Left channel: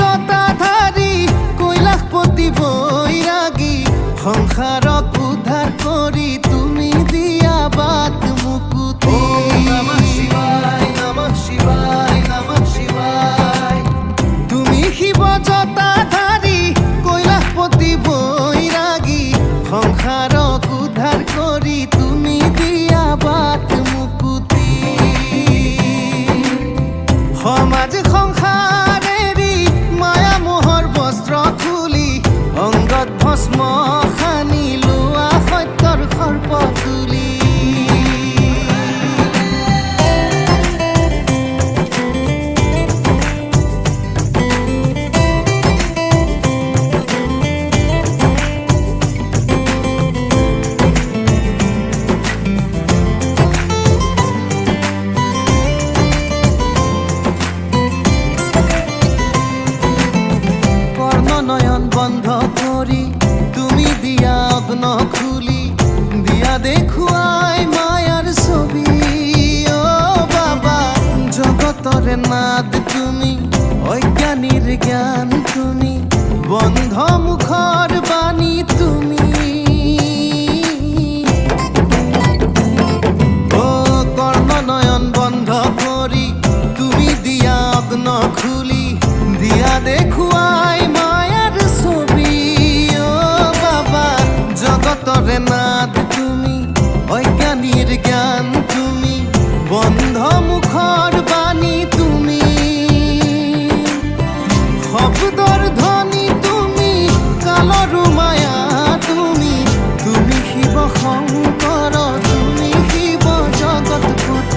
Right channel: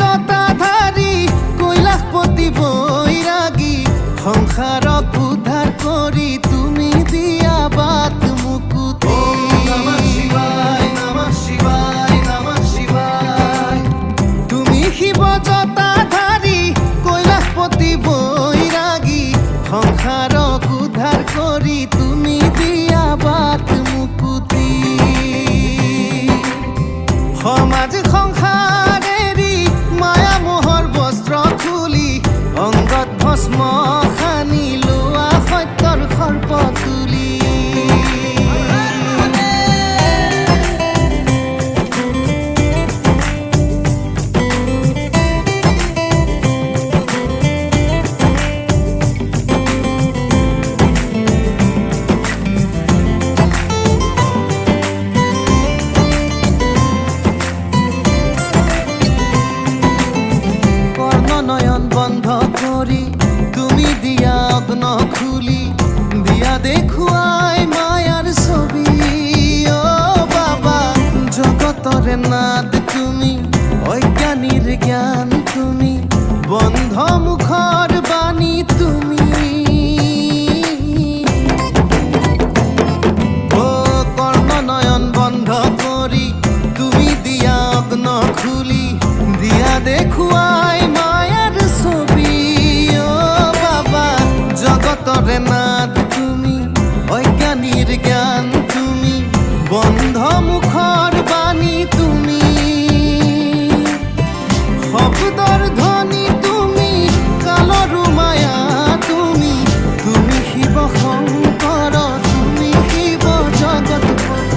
জটাধাৰী কৈলাশপতি বৈৰাগী সংসাৰক উদ্ধাৰ কৰি তুমি দিয়া বাট মুকুতি তুমি শিৱ জটাধাৰী কৈলাশপতি বৈৰাগী সংসাৰক উদ্ধাৰ কৰি তুমি দিয়া বাট মুকুতি সমাজ সংসাৰ এৰি মায়া মোহৰ বস্ত্ৰ খুলি অংগত ভস্ম সানি লোৱা সত্যৰ সৰ্প তুলি নয়ন বন্ধ কৰি তুমি দিয়া অগ্ন খুলি দিয়া দেখুৱাই মায়াৰ ছবি ও বাবা জগতৰে নাদ তুমি অজ্ঞানীৰ জ্ঞান তুমি বন্ধ মুখৰ বাণী তুমি ও কৰ্ণ নয়ন বন্ধ কৰি তুমি দিয়া অগ্ন খুলি দিয়া দেখুৱাই মায়াৰ ছবি ও বাবা জগতৰে নাদ তুমি অজ্ঞানীৰ জ্ঞান তুমি বন্ধ মুখৰ বাণী তুমি শব্দৰ ধ্বনি তুমি কালৰো মায়া তুমি তুমি শিৱ শংকৰ তুমি শিৱ জগতপতি